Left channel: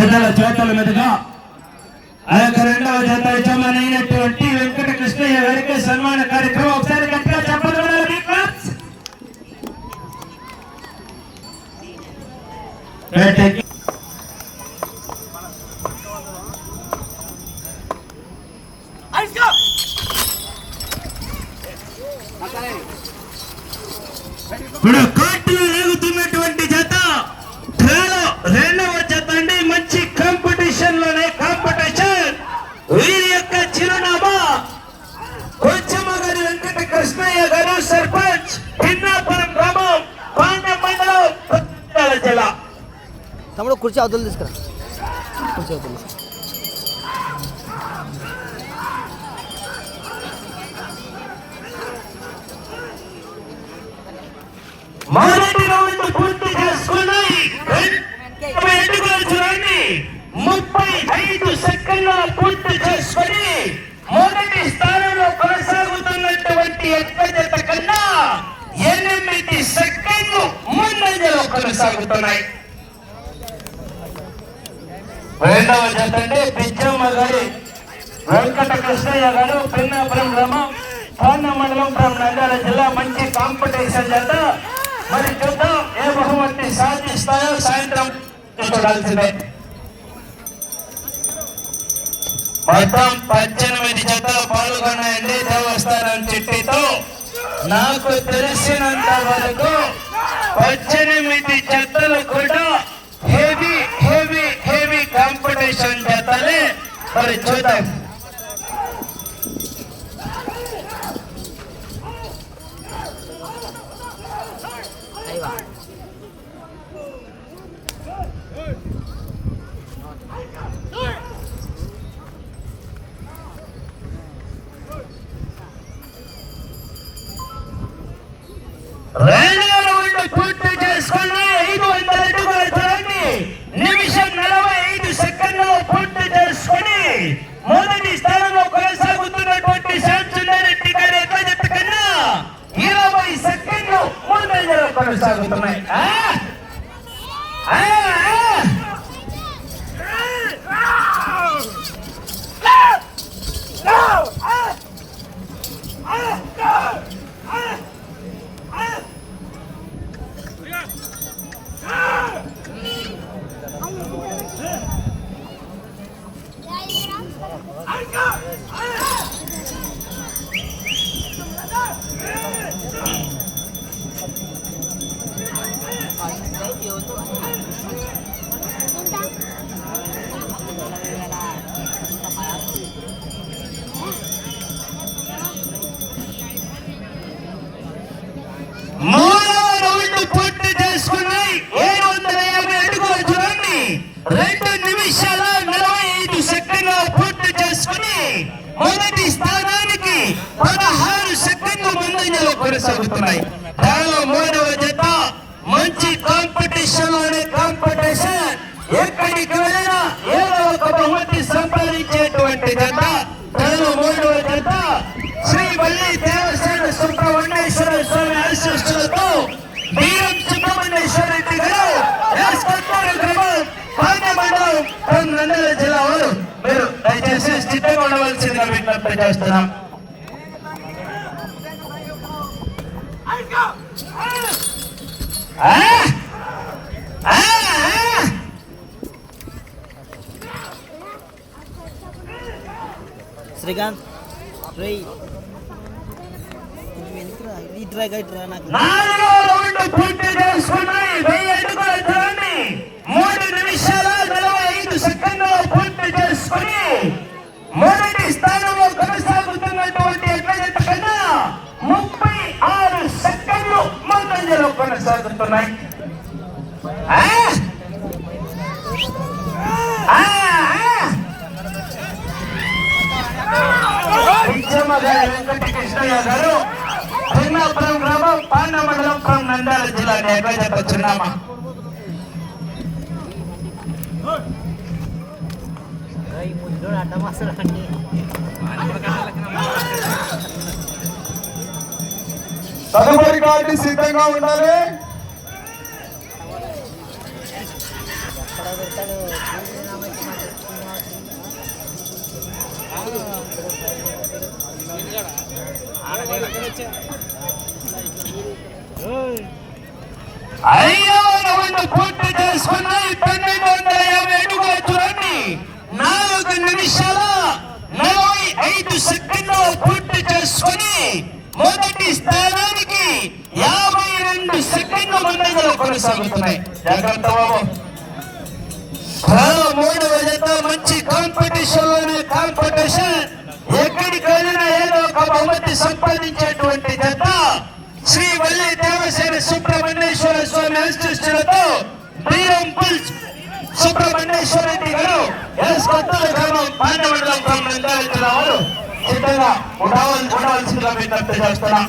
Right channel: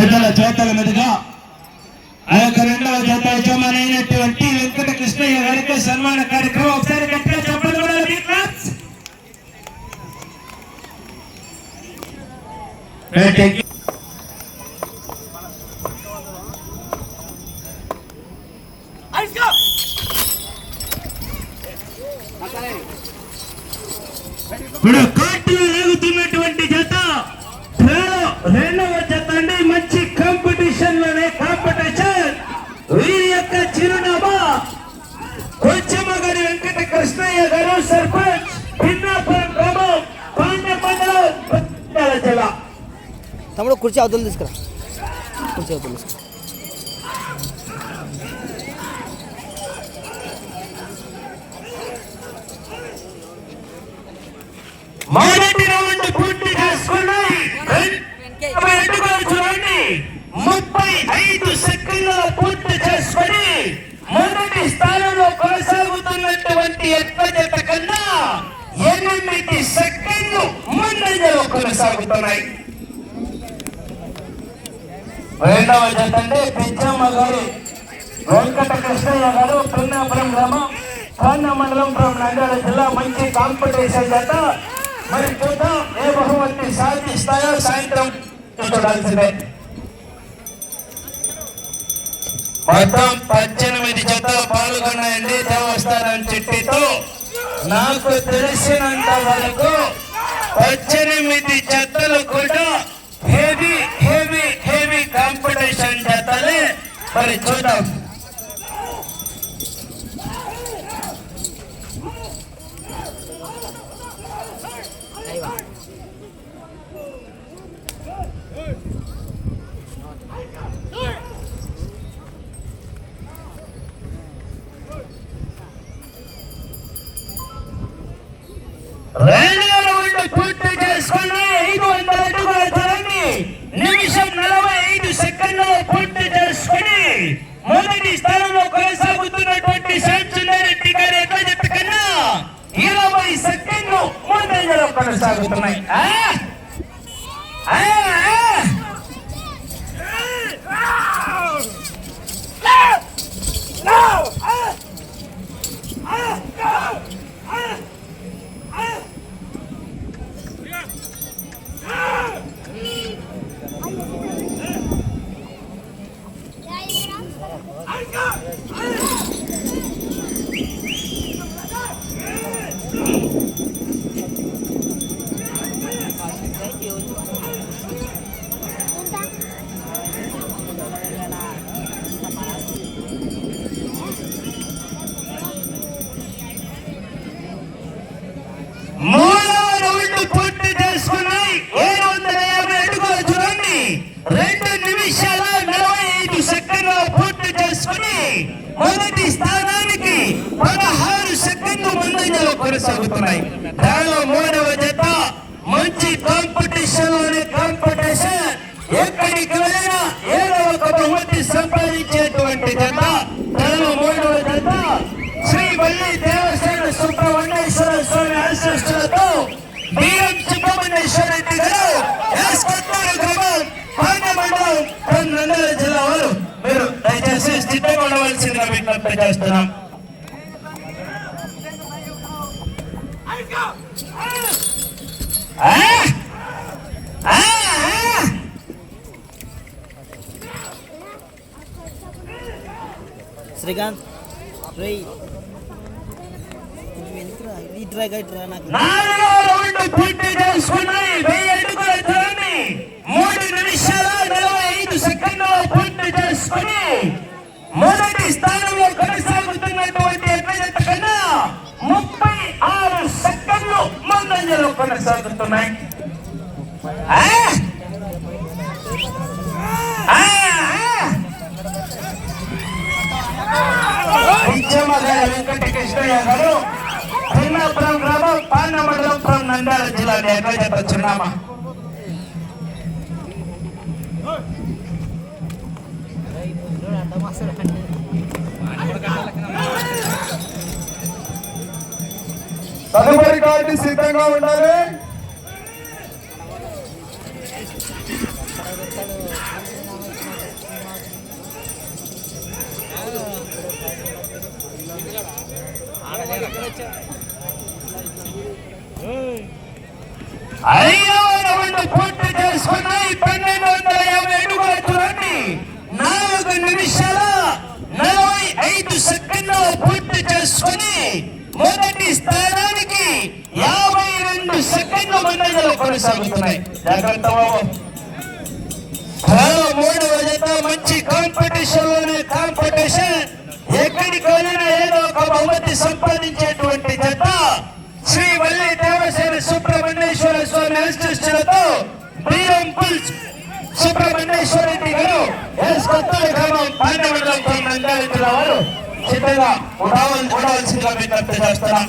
పెద్దల చేతల మీదుగా ఆ యొక్క రెండవ జత యజమానైనటువంటి వెంకట కృష్ణయ్య గారికి సన్మాన కార్యక్రమం ఒకసారి గట్టిగా చెప్పండి వినాలి మీ క్లాప్స్. Right, thank you. వీరి యొక్క చిరునామా కొంచెమగారి వెంకట కృష్ణయ్య గారు సర్పంచ్ పిన్నాపురం గ్రామం పాండ్య మండలం జిల్లా. తమ్ముడు కుర్చీ అవతలు తీసుకురా. కుర్చీ అవతలు తీసుకురా రౌండ్ పూర్తి చేసుకున్నాయి ఇరవై అడుగులు చూడండి ముప్పై ఐదు సెకండ్ల పూర్తి చేసుకొని మొదటి స్థానంలో కొనసాగుతున్నటువంటి ఎత్త కన్నా ఎనిమిది సెకండ్లు ముందంజలో కొనసాగుతున్నాయి. రెండవ జత అంటే పిచ్చమ్మ గారి వెంకట కృష్ణయ్య గారు పిన్నాపురం గ్రామం పాండ మండలం గ్రామ నంద్యాల జిల్లా మంచి కాంపిటీషన్ జత. మరి చూద్దాం ఏ బహుమతి సాధిస్తాయో సాయంత్రం చూడాల్సిందే. మొత్తం పద్దెనిమిది జతలు పాల్గొన్నాయండి దేవస్థానం తిట్టితో నాకు తెలిసినంత వరకు పద్దెనిమిది జతలు కూడా హెవీ హెవీ హెవీ కాంపిటీషన్ జతలే. మరి చూద్దాం. కొనసాగుతున్నాయి. దానిలో మూడవ జత మంచి కాంపిటీషన్ అనే కాంపిటీషన్ ఎక్కడికి వెళ్ళినా శ్రీకాంత్ రే కొంచెం వెనక్కిరా నాకు. నాలుగో రౌండ్ పూర్తి చేసుకున్నాయి. వెయ్యి మూడు నిమిషాల నలభై ఐదు సెకండ్లు పూర్తి చేసుకుని మొదటి స్థానంలో కొనసాగుతున్నటువంటి ముందంజలో కొనసాగుతున్నాయి ఆ? ఆ? ఆ? పిచ్చమ్మ గారి వెంకటకృష్ణయ్య గారు భిన్నాపురం గ్రామం పాండ మండలం ఫ్రం నంద్యాల జిల్లా నేర్గజత చిరునామా తదుపరి కార్డు సిద్ధంగా ఉండాలి. నిమిషాల నలభై ఐదు సెకండ్లు పూర్తి చేసుకుని మొదటి స్థానానికి యాభై రెండు సెకండ్ల ముందంజలో కొనసాగుతున్నాయి. జాగ్రత్త బాబు. మూడవ జత మంచి కాంపిటీషన్ కాంపిటీషన్ ఎక్కడికి వెళ్ళినా ఏదో ఒక బహుమతి సంపాదించేటువంటి జత శ్రీ వల్లి దేవసేన సుబ్రహ్మణ్యేశ్వర స్వామి ఆశిష్టులతో బీరం పుల్స్ సుబ్రహ్మణ్యేశ్వర రెడ్డి గారు. ఎస్ కొత్తూరు గ్రామం పాండమండలం గ్రామం జిల్లా వారు సిద్ధంగా ఉండవల్ ఉండవలసిందిగా విజ్ఞప్తి చేస్తున్నాం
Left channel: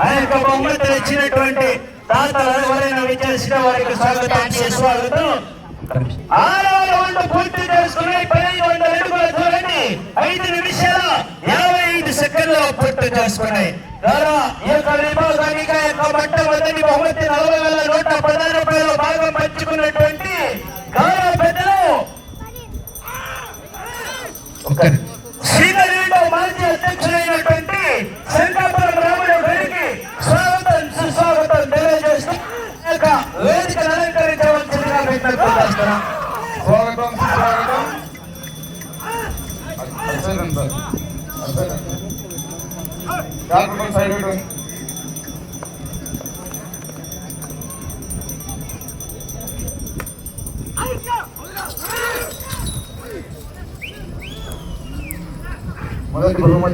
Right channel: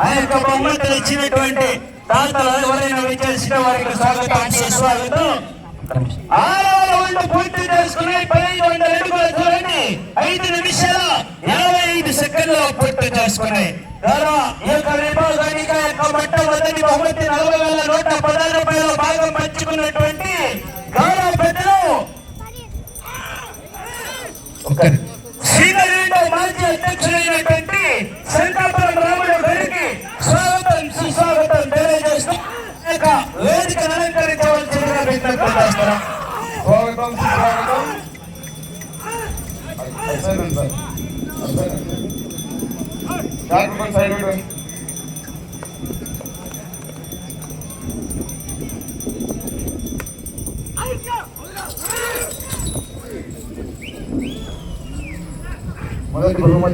ఆ యొక్క బహుమతులు ఇచ్చినటువంటి ఎవరైనా వారికి స్వాగతం ఆరవ రౌండ్ పూర్తి చేసుకుని పదహైదు వందల అడుగుల దూరాన్ని ఐదు నిమిషాల యాభై ఐదు సెకండ్ల పూర్తి చేసుకున్నాయి. ఈ యొక్క విభాగానికి ఆ యొక్క మొట్టమొదటి బహుమతి నలభై వేల నూట పదహారు రూపాయల భాగం పంచుకున్నటువంటి గౌరవ పెద్దలు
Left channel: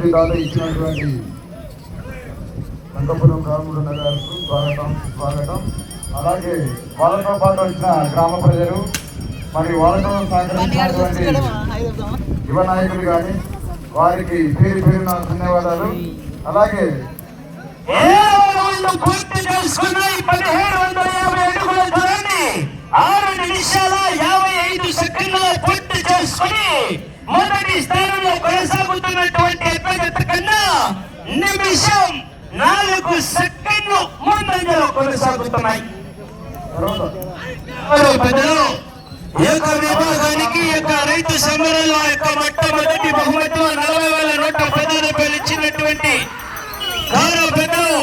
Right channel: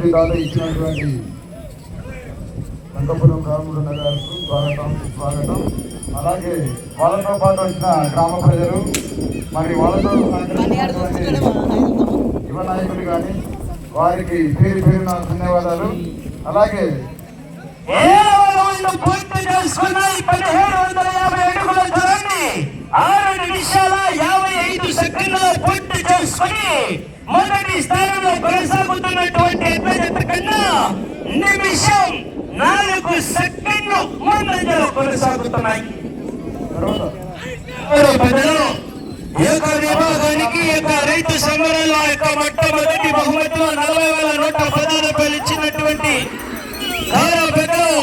మొదటి బహుమతి దాత ఇచ్చినటువంటి వెంకపురం రాముడు గారికి స్వాగతం స్వాగతం. అలాగే వాళ్ళతో పాటు వచ్చిన గ్రామ ప్రజలు మరి వాళ్ళతో సహకరించినటువంటి యువ నాయకులు కానీ వారికి పేరు పేరున ధన్యవాదాలు. అలాగే పూర్తి చేసుకున్నాయి పదిహేడు వందల యాభై అడుగుల దూరాన్ని ఆరు నిమిషాల యాభై ఐదు సెకండ్ల పూర్తి చేసుకుని మొదటి స్థానంలో కొనసాగుతున్నటువంటి అభ్యర్థి కన్నా నిమిషం నాలుగు సెకండ్లు ముందంజలో కొనసాగుతున్నాయి. తర్వాత ఈ యొక్క విభాగానికి ఈ యొక్క రైతు సంఘాలలో యొక్క మొట్టమొదటి బహుమతిలో నలభై వేల నూట పది రూపాయలు ఇచ్చినటువంటి గౌరవ పెద్దలు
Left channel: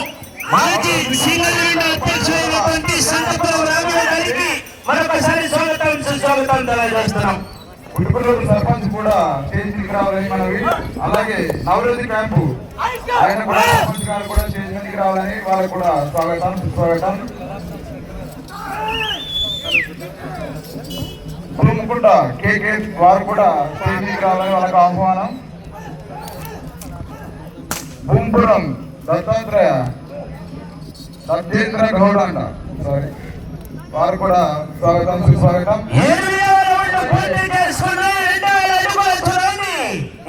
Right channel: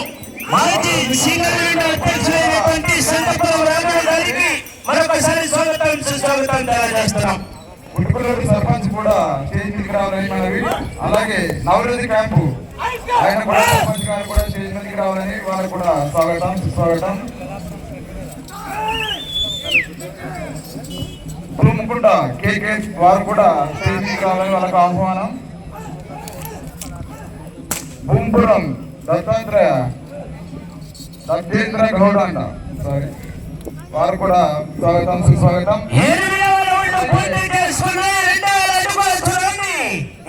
మాజీ సింగరేణి అధ్యక్షులైనటువంటి సంగపురం రామయ్య గారికి మరొకసారి స్వాగతం సుస్వాగతం తెలియజేస్తున్నాం. ఇప్పటి సర్పంచ్ కూడా స్టేజ్ రావాలని మనవి. అలాగే నవరోజు క్యాంపు. ఆయన కూడా సర్పంచ్ గారు కూడా స్టేజ్ మీదకి రావాలని వాళ్ళకి కూడా స్వాగతం సుస్వాగతం. ముకుంట కేకే వారు కూడా స్టేజ్ మీదకి రావాలని వాళ్ళకి ఆహ్వానం. భూంపురం దత్తాత్రేయ సత్యేంద్ర గౌడ్ అంట సారీ వారు కూడా స్వాగతం సుస్వాగతం. చేసుకుని చూడండి.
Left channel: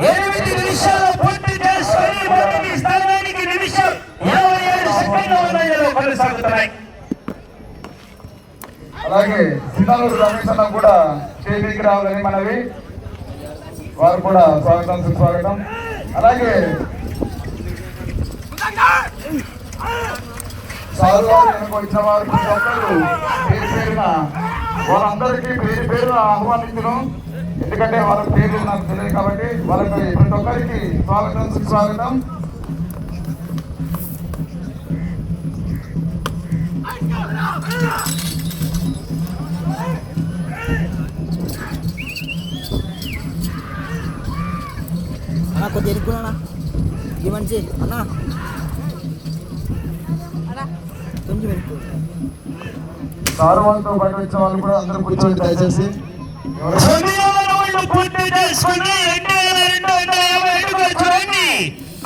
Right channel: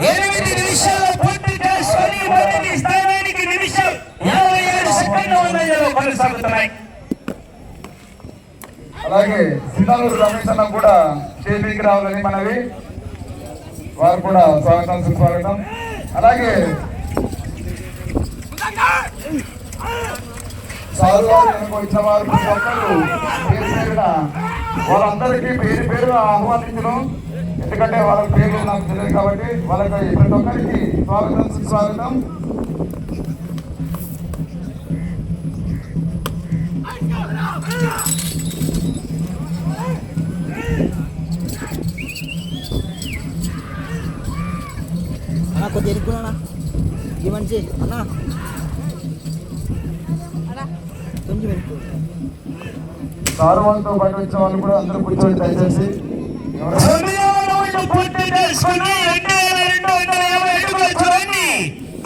ఎనిమిది నిమిషాలు పూర్తి చేసుకుని మొదటి స్థానానికి నిమిషం యాభై ఏడు కొనసాగుతున్నాయి. అలాగే సిద్ధాలూరు రమేష్ అన్న కూడా స్టేజ్ రావాలని మనవి. వారు కూడా స్వాగతం సుస్వాగతం. అలాగే సారు వారు వచ్చిన వారు ప్రతి పేరు వాళ్ళందరికీ పేరు పేరున ఆహ్వానించడం. ఎందుకంటే వాళ్ళ పేర్లు నాకు తెలియదు కాబట్టి వాళ్ళకి ప్రతి ఒక్కరికి స్వాగతం సుస్వాగతం. అన్న కొద్దిగా ఈ మనిషి అన్న. కొంచెం సారు వాళ్ళతో పాటు వచ్చిన వాళ్ళు కూడా అందరూ కూర్చొని దయచేసి ఎవరైనా పూర్తి చేసుకుని రెండు వేల రెండు వందల యాభై అడుగుల చూడండి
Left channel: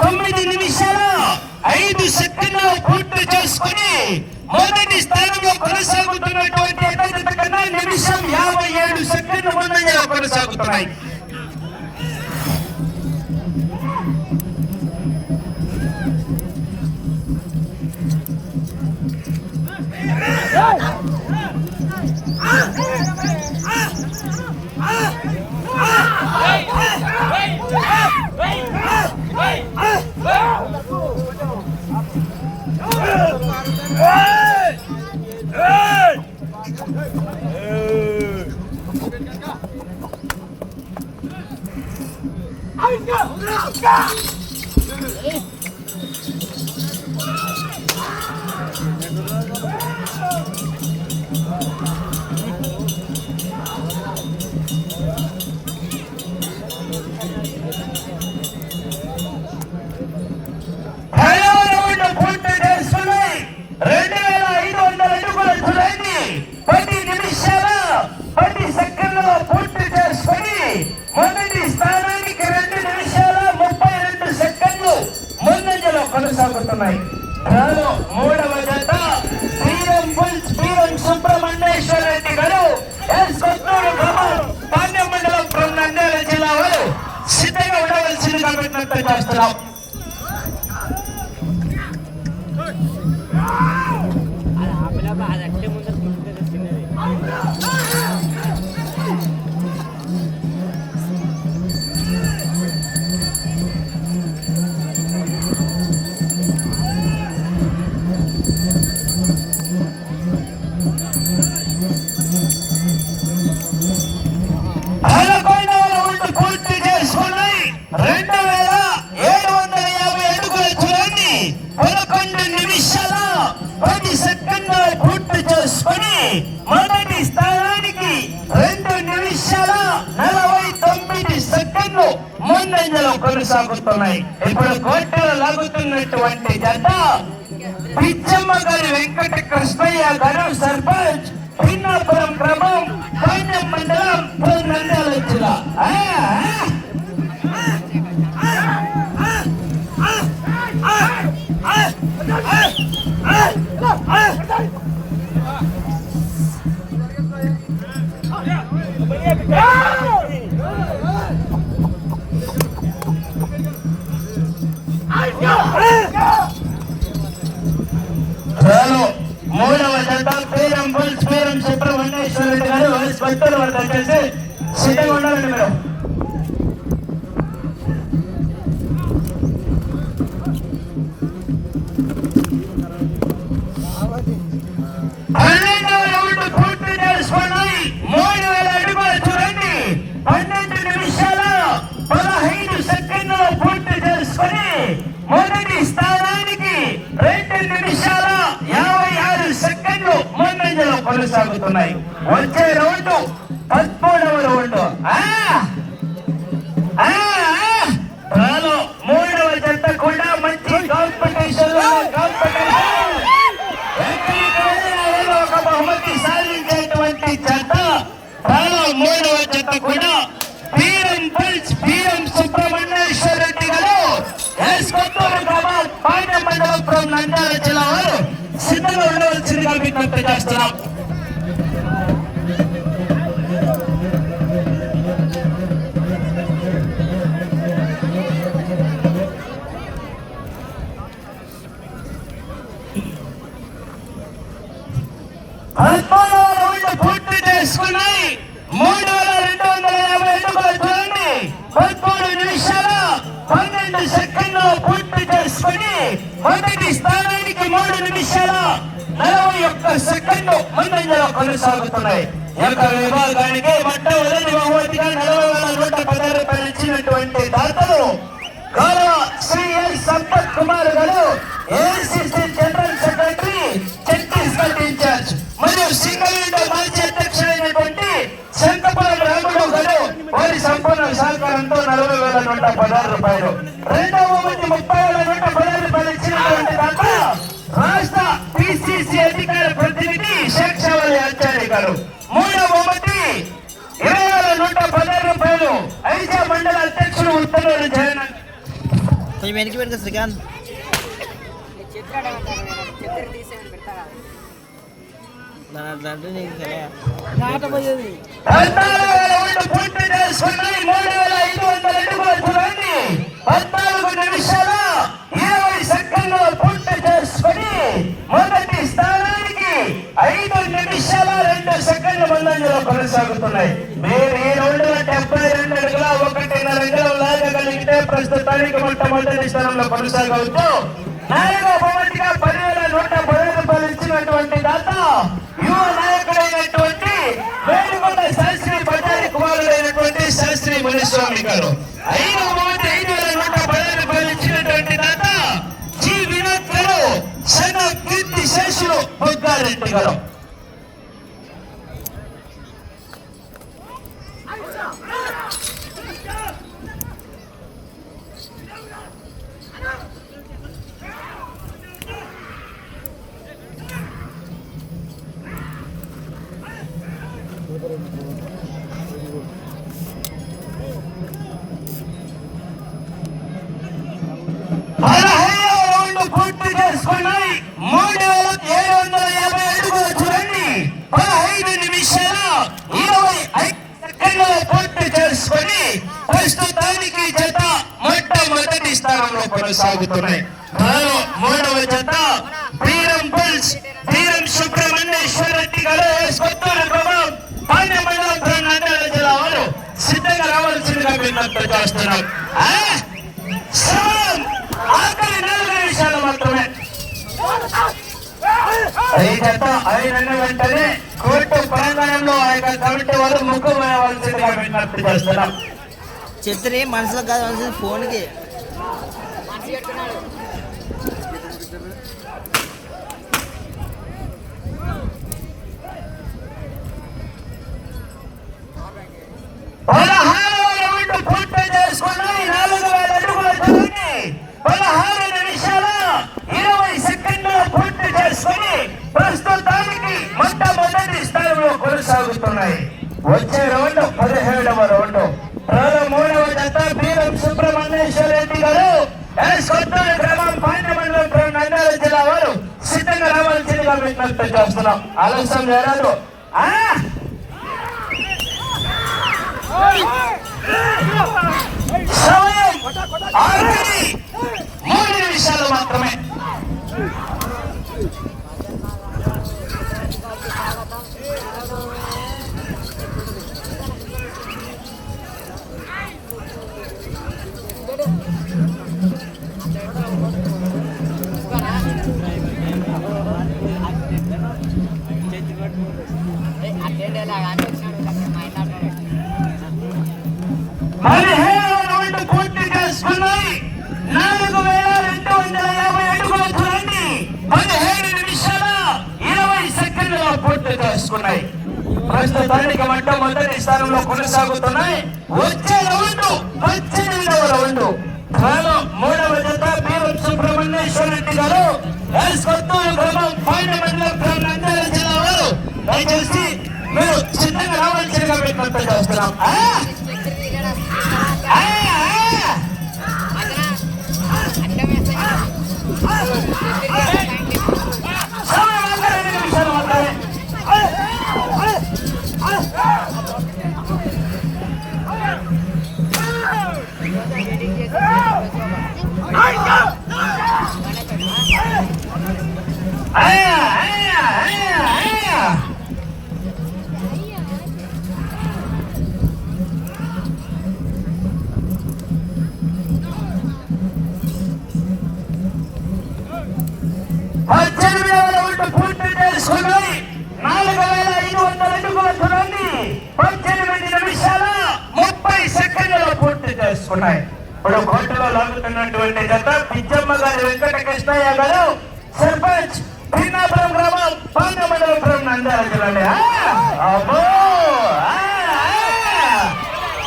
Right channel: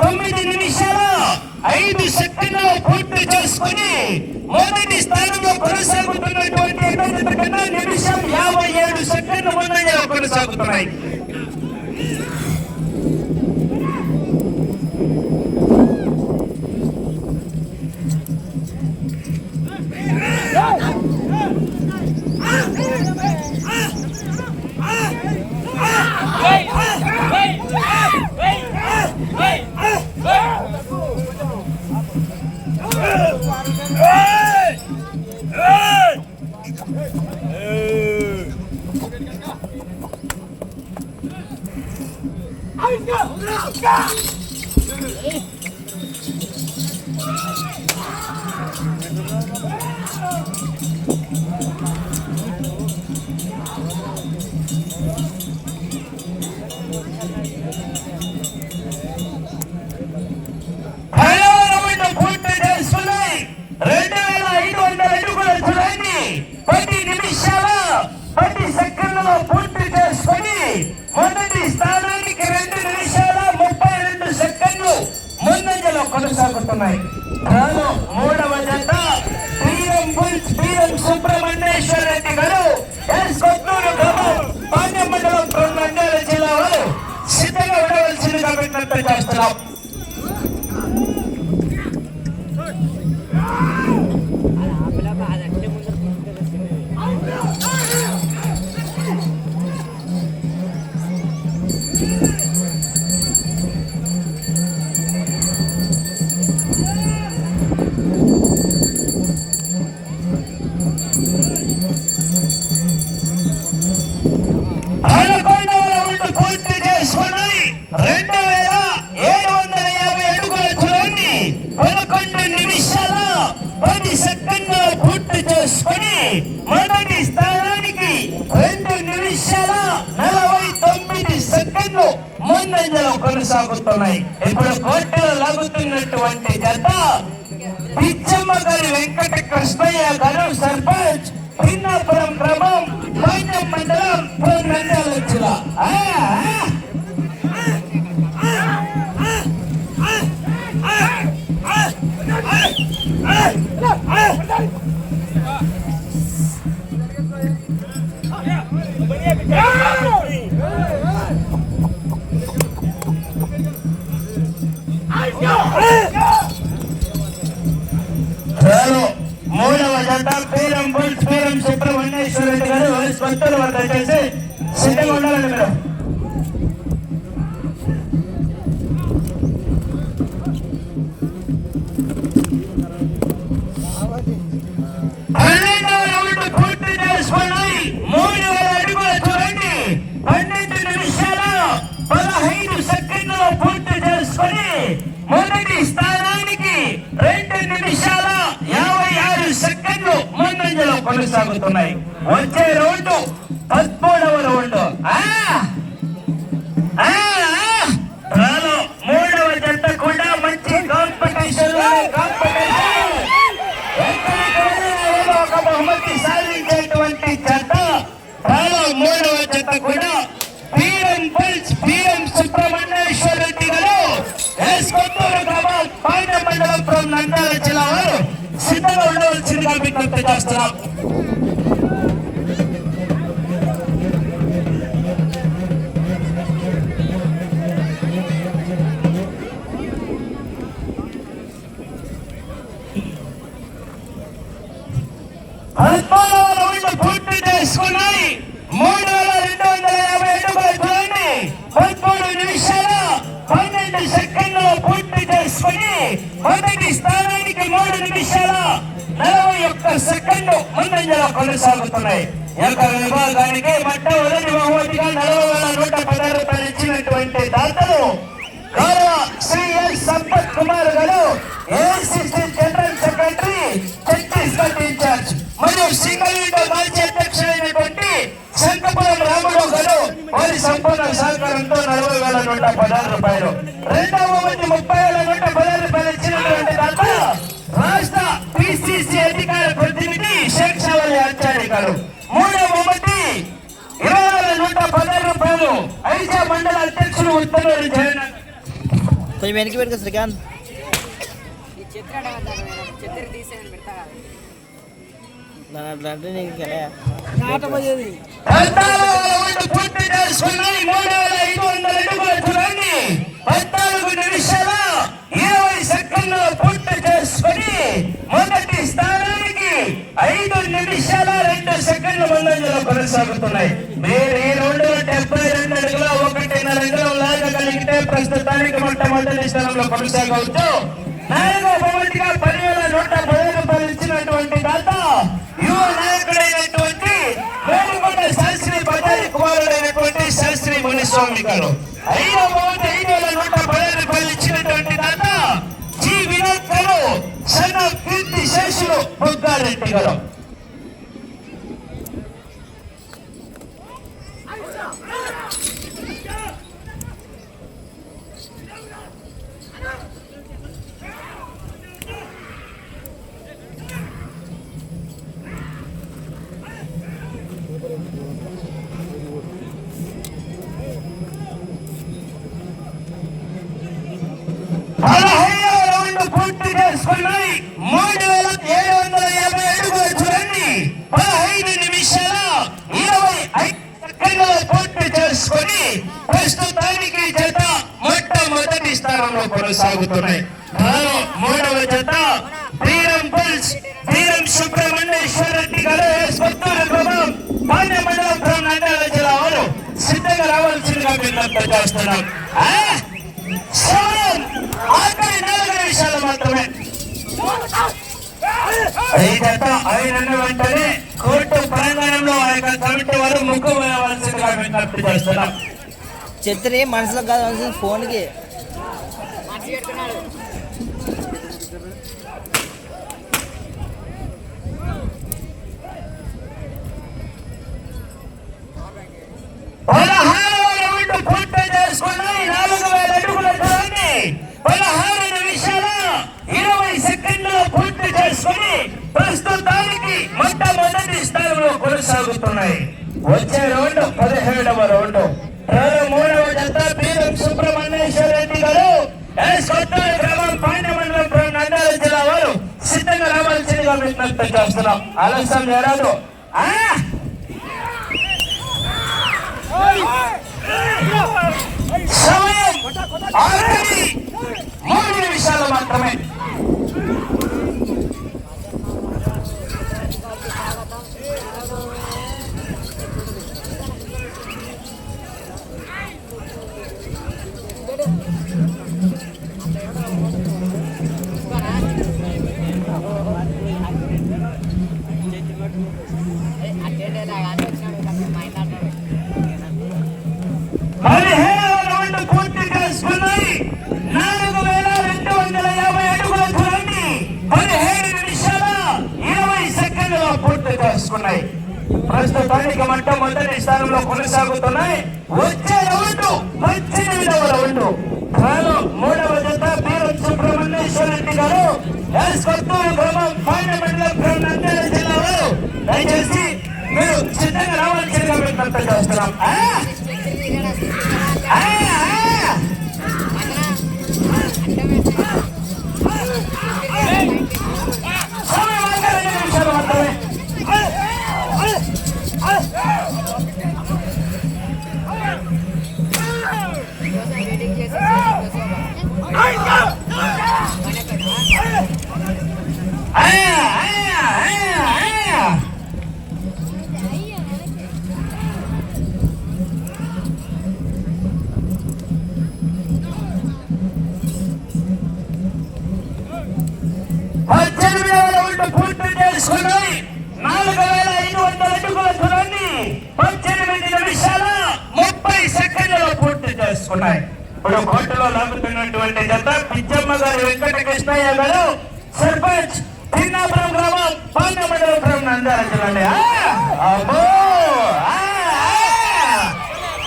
తొమ్మిది నిమిషాలు ఐదు సెకండ్లు పూర్తి చేసుకుని మొదటి స్థానంలో కొనసాగుతున్నటువంటి అభ్యర్థి కన్నా నిమిషం యాభై ఏడు సెకండ్ల ముందంజలో కొనసాగుతున్నాయి. ఐదవ ముందంజలో కొనసాగుతున్నాయి. ఇప్పుడు కోర్టులో లాగుతున్నటువంటి జత పిచ్చమ్మ గారు వెంకట కృష్ణయ్య గారు సర్పంచ్. పిన్నాపురం క్రమం పాండ్యం మండలం నంద్యాల జిల్లా. Yeah! మూడవ జత మూడవ జత కూడా వీరం పల్స్ వీరం సుబ్రహ్మణ్యేశ్వర రెడ్డి గారు ఎస్ కొత్తూరు గ్రామం పాండ్య మండలం from నంద్యాల జిల్లా వారు సిద్ధంగా ఉండవలసిందిగా విజ్ఞప్తి చేస్తున్నాం. పద్నాలుగు రౌండ్లు పూర్తి చేసుకున్నాయి. మొదటి స్థానానికి మూడు నిమిషాల నలభై ఒక్క సెకండ్లు ముందంజలో కొనసాగుతున్నాయి. ఈ యొక్క విభాగానికి మట్ట ఉదయం బహుమతిగా నలభై వేల నూట పదహారు రూపాయలు ఇచ్చినటువంటి దాతలు గౌరవ Shri L Sampath Kumar garu AICC general secretary Chhattisgarh in-charge మరియు సింగల్ మాజీ అధ్యక్షుడైనటువంటి శంకపురం రాముడు గారు వారి సంపూర్ణ సహకారంతో నలభై వేల నూట పదహారు రూపాయలు. రెండవ మంది ముప్పై కొంచెం వెనక్కి పెట్టుకో శ్రీకాంత్. చిత్ర నీకు కదా పద్నాలుగు ఐదు నిమిషాల ఇరవై పూర్తి చేసుకుని మొదటి స్థానానికి ఐదు నిమిషాల రెండు సెకండ్ల ముందంజలో కొనసాగుతున్నాయి. మీరు ఈ రౌండ్ డెబ్బై రెండు ప్రస్తుతానికి మొట్టమొదటి స్థానంలో కొనసాగవుతూ నాయక భవన్గా పదివేల నూట పది రూపాయలు ఇచ్చినటువంటి దాత యువ నాయకుడైనటువంటి వేడుకొండ బజారి కుమారుడైనటువంటి శాస్త్రి మునిస్వామి గారు. ఐదో భవన్ ఐదు వేల నూట పది రూపాయలు ఇచ్చినటువంటి దాత జీ. వినోద్ గారు సన్న కీర్తి శేషులు గారు. పదహైదవ రౌండ్ పూర్తి చేసుకున్నాయి. మూడు వేల ఏడు వందల యాభై అడుగులు చూడండి. పదహైదు నిమిషాల ఇరవై ఐదు పూర్తి చేసుకొని ప్రస్తుతానికి జత మొట్టమొదటి స్థానంలో కొనసాగుతున్నాయి. రావాల్సిందిగా చేస్తున్నాం నిమిషాలు మాత్రమే. వెంటనే కోర్టు ప్రాంగణంలో ఆ యొక్క కమిటీ వారు వేయవలసిందిగా విజ్ఞప్తి చేస్తున్నాం. చెత్తని మనసులో కాదు ఫోన్కి మనిషి చెప్తున్నాడు పదహారవ రౌండ్ పూర్తి చేసుకున్నాయి నాలుగు వేల అడుగుల దూరాన్ని పదహారు నిమిషాల ఇరవై సెకండ్లు పూర్తి చేసుకుని ప్రస్తుతానికి మొట్టమొదటి స్థాయిలో కొనసాగుతున్నాయి. వచ్చే రౌండ్ పదిహేడవ రౌండ్. మూడవ జత పీరం సుబ్రహ్మణ్యేశ్వర రెడ్డి గారు ఎస్ గ్రామం పాండ్యమండలం నంద్యాల జిల్లా వారు సిద్ధంగా రావాల్సిందిగా విజ్ఞప్తి చేస్తున్నాం. ఆలస్యం మూడు నిమిషాలు మాత్రమే ఇవ్వనా? ఏ, అటెండ్ అయ్యేలా కానీ వచ్చినాడు మా ఇంట్లో అంటాడు. పదిహేడవ రౌండ్ పూర్తి చేసుకున్నాయి నాలుగు వేల రెండు వందల యాభై అడుగుల దూరాన్ని పదిహేడు నిమిషాల ఇరవై సెకండ్లలో పూర్తి చేసుకున్నాయి ప్రస్తుతానికి మొట్టమొదటి స్థానంలో కొనసాగుతున్నాయి వచ్చే రౌండ్ పద్దెనిమిదవ రౌండ్ కాను మూడవ జత బీరం సుబ్రహ్మణ్యేశ్వర రెడ్డి గారు ఎస్ కొత్తూరు మండలం పాండ్యమండలం నంద్యాల జిల్లా వారు దయచేసి మీరు సిద్ధంగా రావాల్సిందిగా విజ్ఞప్తి చేస్తున్నాం స్టిక్కర్ ఆ, చేసుకున్నాయి. ఇప్పుడు కోర్టులో లాగుతున్నటువంటి జత పిచ్చమ్మ గారి వెంకట కృష్ణయ్య గారు సర్పంచ్ తిన్నాపురం గ్రామం నంద్యాల జిల్లాలో. ఆ, అబ్బో!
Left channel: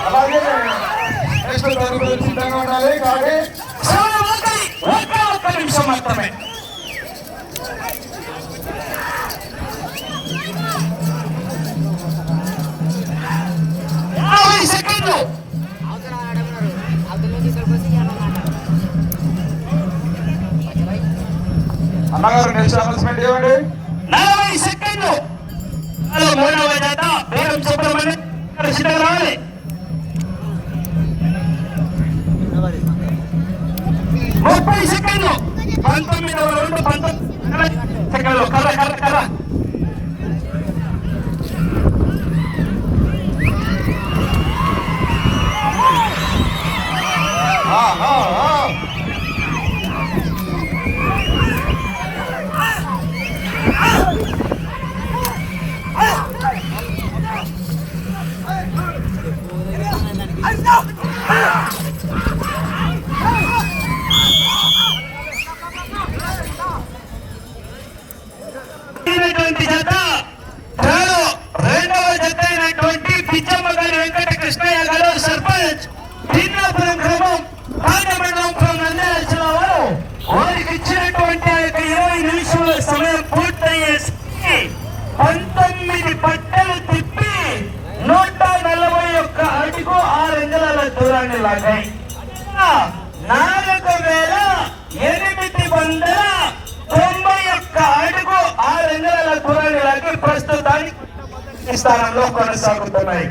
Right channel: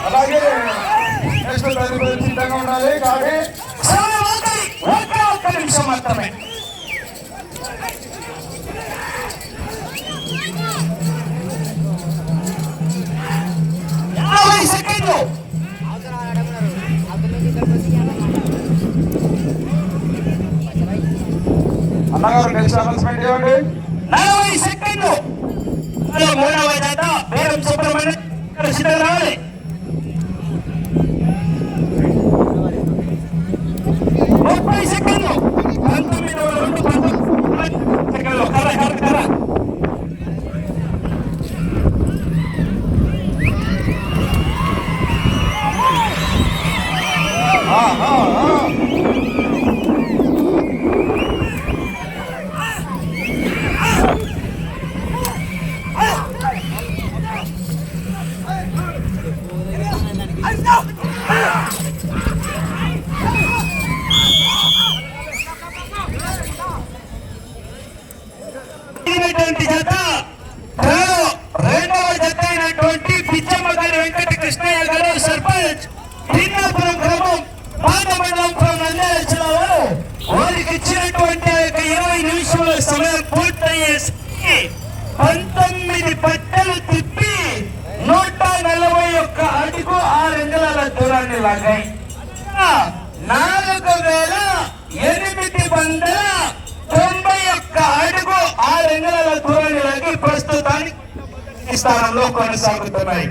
అలాగే. నెక్స్ట్ తదుపరి సిద్ధంగా ఉండాలి. కానీ ఒక్క ఒక్క నిమిషం మాత్రమే. సెకండ్లు. అన్నగారు నెక్స్ట్ అనౌన్స్మెంట్ ఇవ్వండి నలభై సెకండ్లు. మూడవ జత బేరం సుబ్రహ్మణ్యం సిద్ధం రావాలి అయినటువంటి జత. రెండవ జత అయినటువంటి పిచ్చమ్మ గారి వెంకట కృష్ణయ్య గారు సర్పంచ్. భిన్నాపురం గ్రామం పాదమండలం నంద్యాల వారికి ఇచ్చినటువంటి ఇరవై సమయం పంతొమ్మిది పట్టలు తిప్పి నూట నలభై ఒక్క అడుగు ఆరు అంగుళాల దూరాన్ని లాగాయి. నాలుగు వేల ఎనిమిది వందల తొంభై ఒక్క అడుగు ఆరు అంగుళాల దూరాన్ని లాగి ప్రస్తుతానికి స్థానంలో కొనసాగుతున్నాయి